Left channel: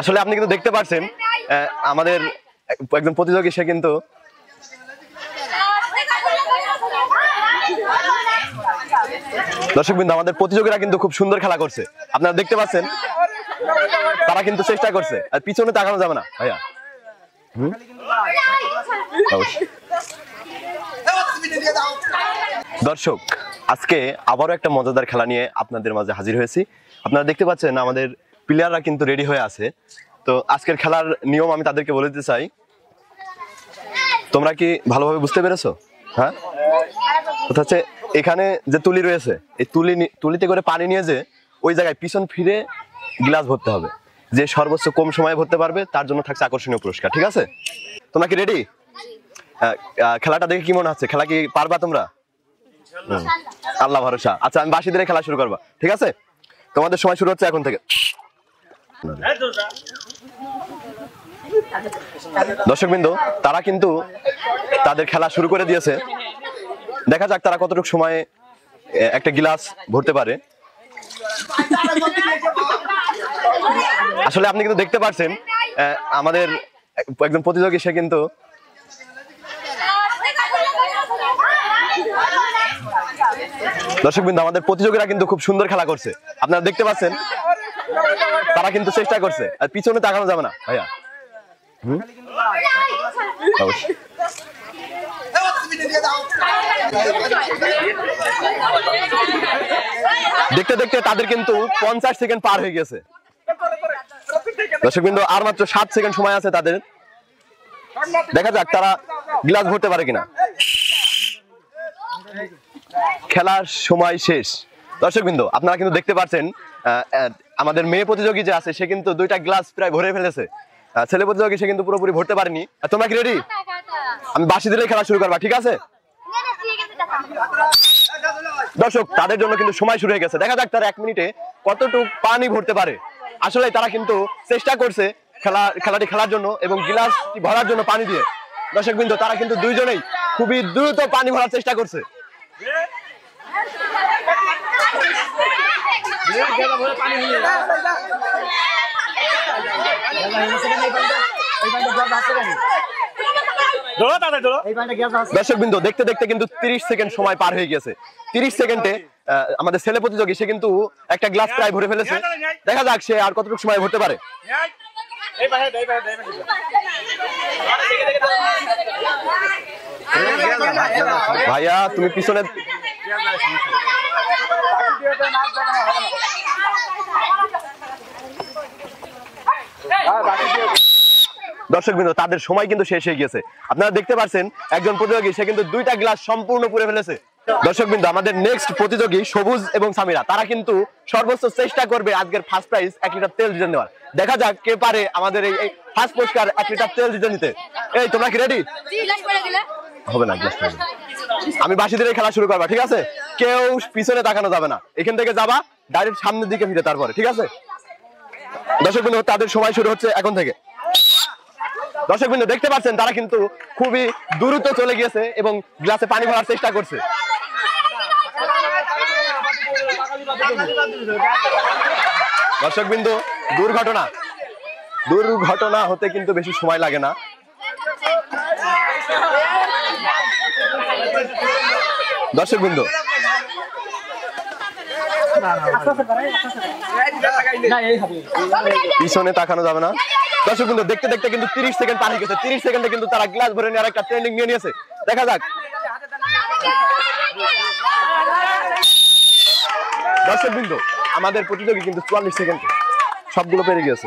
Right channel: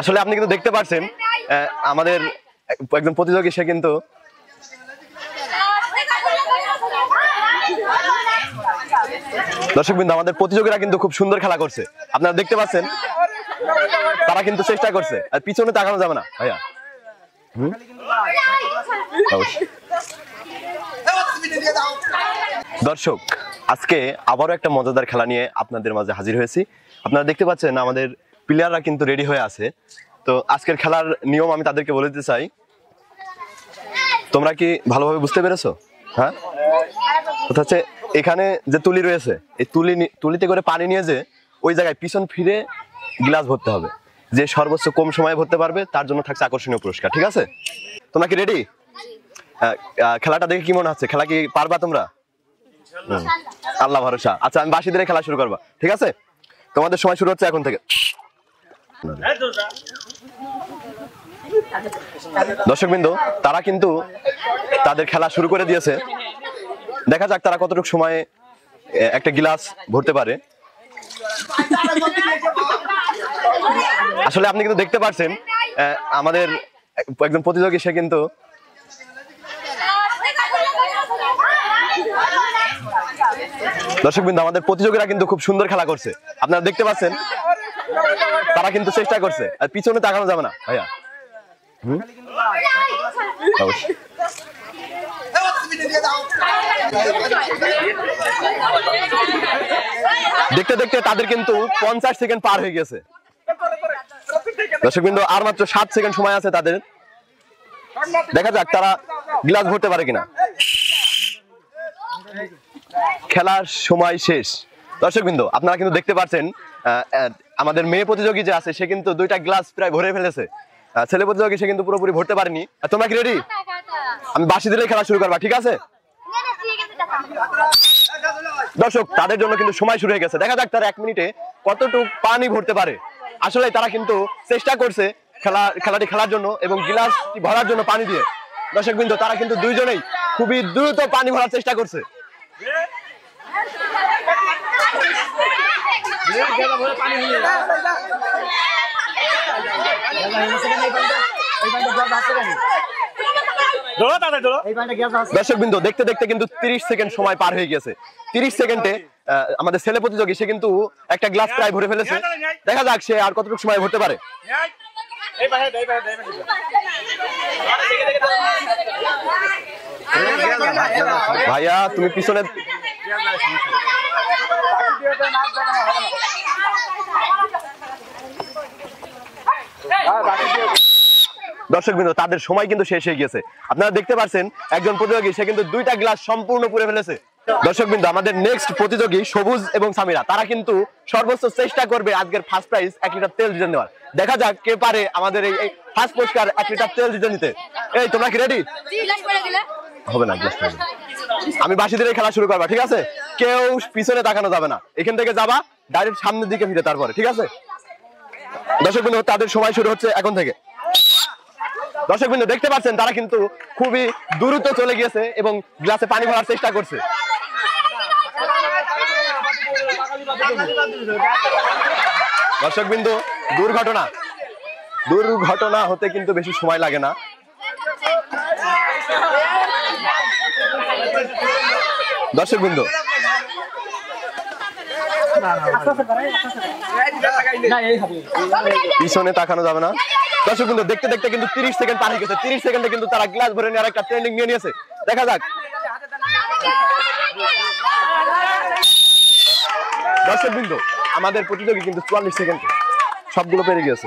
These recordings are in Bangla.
আসলে আপনি কিন্তু দেখতে পাচ্ছেন আমাদের একজন প্রতিযোগী সে কিন্তু দর্শকবৃন্দ আমাদের প্রতিযোগীরা কিন্তু খুব সুন্দর খেলা করছে, আপনারা দেখতে পাচ্ছেন তারা কিন্তু চেষ্টা করছে, আর পিছনে তাকানো যাবে না ভাইয়া। দর্শক আজকে আবারও একটা মজাদার খেলা নিয়ে আপনাদের মাঝে হাজির হয়েছি। আপনারা দেখতে পাচ্ছেন আমাদের প্লেয়াররা কিন্তু রেডি হয়ে আছে। তো আজকের খেলার নিয়ম আমি তাদেরকে বলে দিতে চাই, তোমরা কি ভালোভাবে বুঝতে পেরেছো? হ্যাঁ, হচ্ছে এখানে যে তুলি রয়েছে এই তুলিতে করে পানি নিয়ে যে ওই জায়গায় পিছন ফিরে গ্লাস ভরতে হবে, যে সর্বোচ্চ কম সময়ে ভরতে পারবে তার জন্য থাকছে আকর্ষণীয় পুরস্কার। ঠিক আছে, তোমরা কি রেডি? খেলাটা দেখে কি মনে হচ্ছে? খেলা কি পারবা তোমরা? আল্লাহ ভরসা। আচ্ছা আমি বাঁশি দিয়ে খেলা শুরু করবা, ঠিক আছে? তোমাদের সময় শুরু হচ্ছে এখন থেকে। দর্শকবৃন্দ তারা কিন্তু তাদের খেলা শুরু করে দিয়েছে, দেখা যাক তারা কতটুকু সময়ে একটা গ্লাস ভরতে পারে। আসলে আপনি কিন্তু দেখতে পাচ্ছেন আমাদের একজন প্রতিযোগী সে কিন্তু দর্শকবৃন্দ আমাদের প্রতিযোগীরা কিন্তু খুব সুন্দর খেলা করছে, আপনারা দেখতে পাচ্ছেন তারা কিন্তু চেষ্টা করছে, আর পিছনে তাকানো যাবে না ভাইয়া। দেখতে দেখতে তাদের কিন্তু 50 সেকেন্ড পার হয়ে গেছে। দর্শকবৃন্দ আর মাত্র 7 সেকেন্ড সময় আছে তাদের, দেখা যাক তারা গ্লাস ভরতে পারে কিনা। খেলার সময় শেষ। দর্শকবৃন্দ আপনারা কিন্তু দেখতে পাচ্ছেন আমাদের মেয়ে প্রতিযোগী যে আছে সে কিন্তু 2টা গ্লাস প্রায় ভরে ফেলেছে, ছেলে প্রতিযোগী সে কিন্তু পুরোপুরি ভরতে পারেনি। তোমরা কি রেডি? আমি বাঁশি দিলে খেলা শুরু করবা, ঠিক আছে? দর্শক তাদের জন্য কিন্তু সময় শুরু হয়ে গেছে, দেখা যাক তারা 1 মিনিটে কতটুকু পানি ভরতে পারে। আসলে তারা কিন্তু চেষ্টা করছে খেলাটি খেলার জন্য এবং গ্লাস ভরার জন্য পানি দিয়ে। দর্শকবৃন্দ তারা কিন্তু দুইজনেই খুবই দ্রুত পানি ভরার চেষ্টা করছে। দর্শকবৃন্দ দেখতে দেখতে কিন্তু 30 সেকেন্ড সময় পার হয়ে গেছে। 30 সেকেন্ডে আমাদের ছেলে প্রতিযোগী সে কিন্তু একটা গ্লাস প্রায় ভরে ফেলেছে, দেখা যাক সে আর কতটুকু সময় ভরতে পারে। ভাইয়া তুমি পিছনে দর্শকবৃন্দ তাদের সময় কিন্তু শেষ হয়ে গেছে, আপনারা দেখতে পাচ্ছেন একজন প্রতিযোগী সে কিন্তু 2টা গ্লাস সম্পূর্ণ পুরে ফেলেছে। দর্শকবৃন্দ আমাদের নেক্সট প্রতিযোগী সবুজ এবং সামিরা তারা কিন্তু সর্বোচ্চ চেষ্টা করবে আজকের ফার্স্ট প্রাইজ 1 লিটার তেল জিতে নেওয়ার। দেখা যাক কে পারে আমাদের এই ফার্স্ট পুরস্কার 1 লিটার তেল জিতে নিতে। এই তোমরা কি রেডি? হবে না, আমি বাঁশি দিয়ে খেলা শুরু করবা, ঠিক আছে? কেউ পিছনে তাকানো যাবে না, এখান থেকে যাবা ডাইরেক্ট সামনের দিকে ফিরে তারপরে, ঠিক আছে? দর্শকবৃন্দ তাদের সময় শুরু হচ্ছে এখন থেকে। দর্শকবৃন্দ দেখতে পাচ্ছেন তারা কিন্তু খুবই দ্রুত চলে গিয়েছে এবং গ্লাসে পানি ভরার চেষ্টা করছে। দর্শকবৃন্দ দুর্ঘটনা হতে কিন্তু বেশি সময় লাগে না। দর্শকবৃন্দ পিছনে তাকানো যাবে না। দর্শকবৃন্দ দেখতে দেখতে কিন্তু 30 সেকেন্ড পার হয়ে গেছে। 30 সেকেন্ডে কিন্তু তারা গ্লাস ভরে নিয়ে আরেকটা ট্রেনিং নিয়ে নিয়েছে, দেখা যাক। দর্শকবৃন্দ আমাদের প্রতিযোগী কিন্তু 44 সেকেন্ডে সবগুলো পেরে গেছে।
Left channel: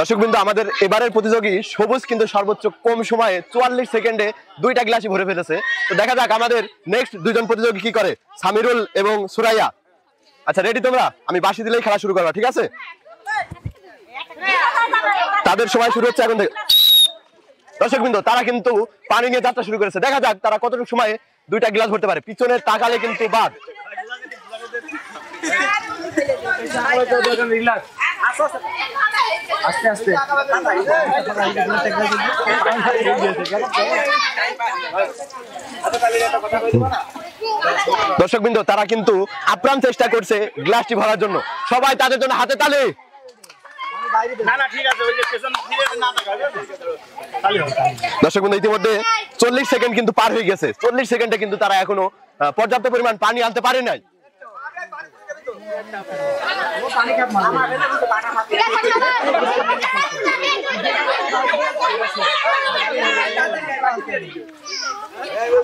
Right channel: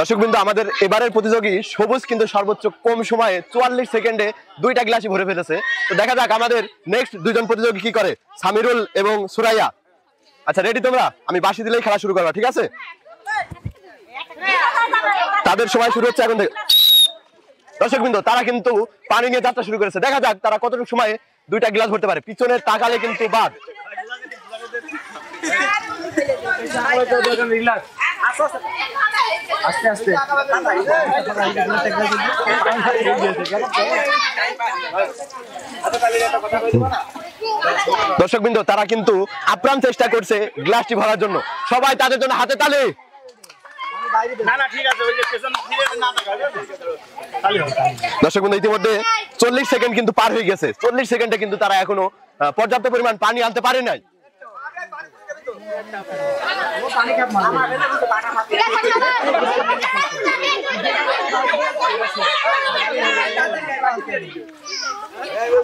দর্শকবৃন্দ আমাদের এবারের প্রতিযোগী সবুজ কিন্তু সর্বোচ্চ কম সময়ে 44 সেকেন্ডে 2টা গ্লাসই ভরে ফেলেছে। তো দেখা যাক আমাদের নেক্সট দুইজন প্রতিযোগী কি করে, সামিরুল এবং সুরাইয়া। আচ্ছা রেডি তোমরা? আমি বাঁশি দিলেই খেলা শুরু করবা, ঠিক আছে? তাদের সময় শুরু হচ্ছে এখন থেকে। দর্শকবৃন্দ তারা কিন্তু পানি নিয়ে যাত্রা শুরু করেছে, দেখা যাক তারা কতটুকু সময়ে 2টা গ্লাস ভরতে পারে। পিছনে তাকালে কিন্তু বাদ। আস্তে আস্তে দর্শকবৃন্দ তারা কিন্তু আপ্রাণ চেষ্টা করছে গ্লাসটি ভরার জন্য, সবাই তাদের জন্য হাতে তালি। দর্শকবৃন্দ ইতিমধ্যে 40 সেকেন্ড কিন্তু পার হয়ে গেছে, 40 সেকেন্ডে কিন্তু তারা এখনো পর্যাপ্ত পরিমাণ পানি আনতে পারে নাই।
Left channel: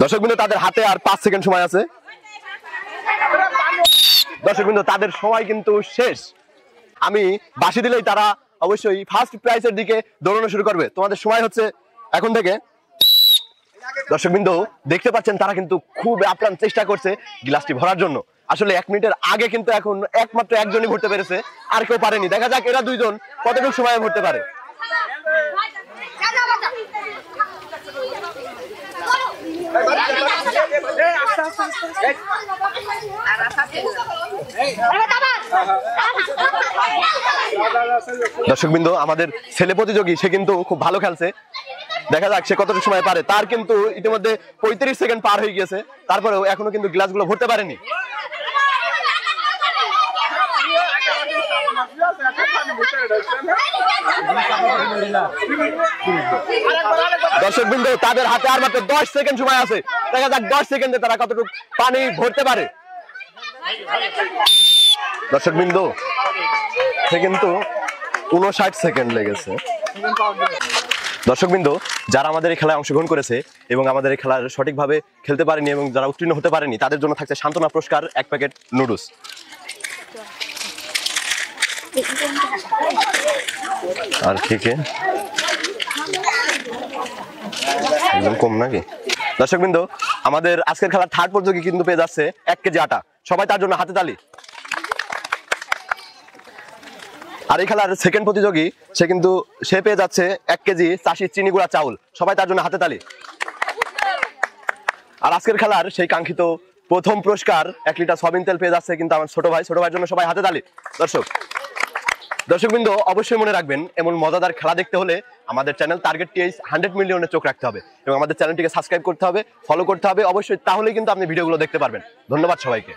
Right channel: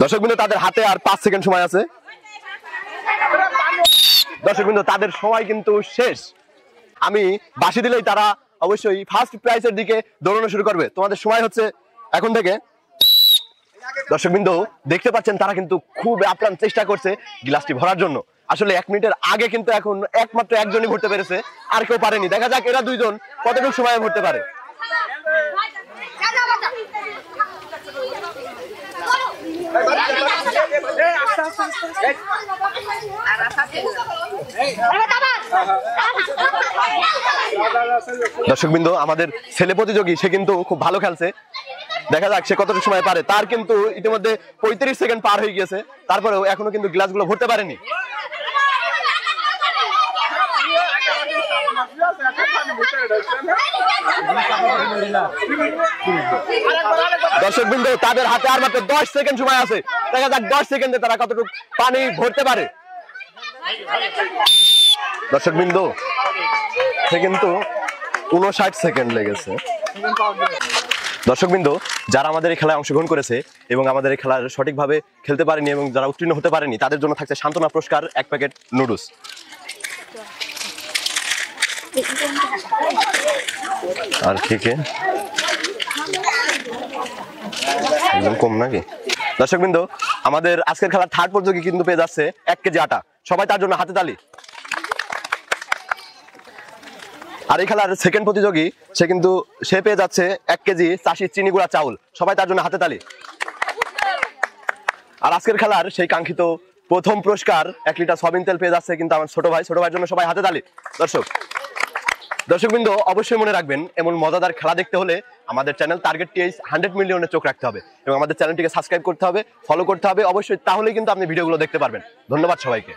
দর্শকবৃন্দ তাদের হাতে আর 5 সেকেন্ড সময় আছে। দর্শকবৃন্দ তাদের সময় কিন্তু শেষ। আমি বাঁশি দিলেই তারা অবশ্যই ফার্স্ট প্রাইজের দিকে দৌড়ানো শুরু করবে। তোমাদের সময় হচ্ছে এখন থেকে। দর্শকবৃন্দ দেখতে পাচ্ছেন তারা কিন্তু খুব আপ্রাণ চেষ্টা করছে গ্লাসটি ভরার জন্য। আসলে 1 মিনিটের আগে কিন্তু এখন একমাত্র একজনই ভরতে পেরেছে, আর কেউ পারেনি। দেখা যাক এরা দুইজন কতটুকু সময় ভরতে পারে। দর্শকবৃন্দ আমাদের ছেলে প্রতিযোগী সে কিন্তু খুব ভালো খেলছে, দেখা যাক সে কতটুকু সময় পারে। তার কিন্তু ইতিমধ্যে 35 সেকেন্ড পার হয়ে গেছে, তারপরেও এখনো কিন্তু গ্লাসগুলো ভরতে পারেনি। দর্শকবৃন্দ তাদের হাতে আর মাত্র 10 সেকেন্ড সময় আছে, দেখা যাক 10 সেকেন্ডে তারা কতটুকু পানি ভরতে পারে। দর্শকবৃন্দ সে কিন্তু 59 সেকেন্ড লেগেছে। দর্শকবৃন্দ যারা আমাদের এই খেলায় অংশগ্রহণ করেছে এবং আমাদের এই খেলার সঠিকভাবে খেলতে পারেনি এবং যারা উত্তীর্ণ হতে পারেনি তাদের জন্য থাকছে সান্ত্বনা পুরস্কার 1 প্যাকেট নুডলস। আর কে কম নাকি? দর্শকবৃন্দ আমাদের আজকের খেলার থার্ড প্রতিযোগী কিন্তু পেয়ে যাচ্ছে 1 কেজি আটা, সবাই তার জন্য হাতে তালি। আর এই খেলার সেকেন্ড প্রতিযোগী সে পেয়ে যাচ্ছে 1 কেজি চাষি চিনি গুঁড়া চাউল, সবাই তার জন্য হাতে তালি। আর আজকের খেলার সেই কাঙ্ক্ষিত প্রথম পুরস্কার 1 লিটার সয়াবিন তেল পেয়ে যাচ্ছে কিন্তু আমার ছোট ভাইয়ের জন্য সবাই হাতে তালি। দর্শকবৃন্দ অবশ্যই মনে রাখবেন এমন মজাদার খেলা দেখতে হলে আমাদের চ্যানেল টার্গেট টিএইচ 100 মিলিয়নে চোখ রাখতে হবে এবং আমাদের চ্যানেলটিকে সাবস্ক্রাইব করতে হবে, ফলো করতে হবে অবশ্যই, তাহলেই কিন্তু আপনি ভিডিওগুলো দেখতে পারবেন। ধন্যবাদ সবাইকে।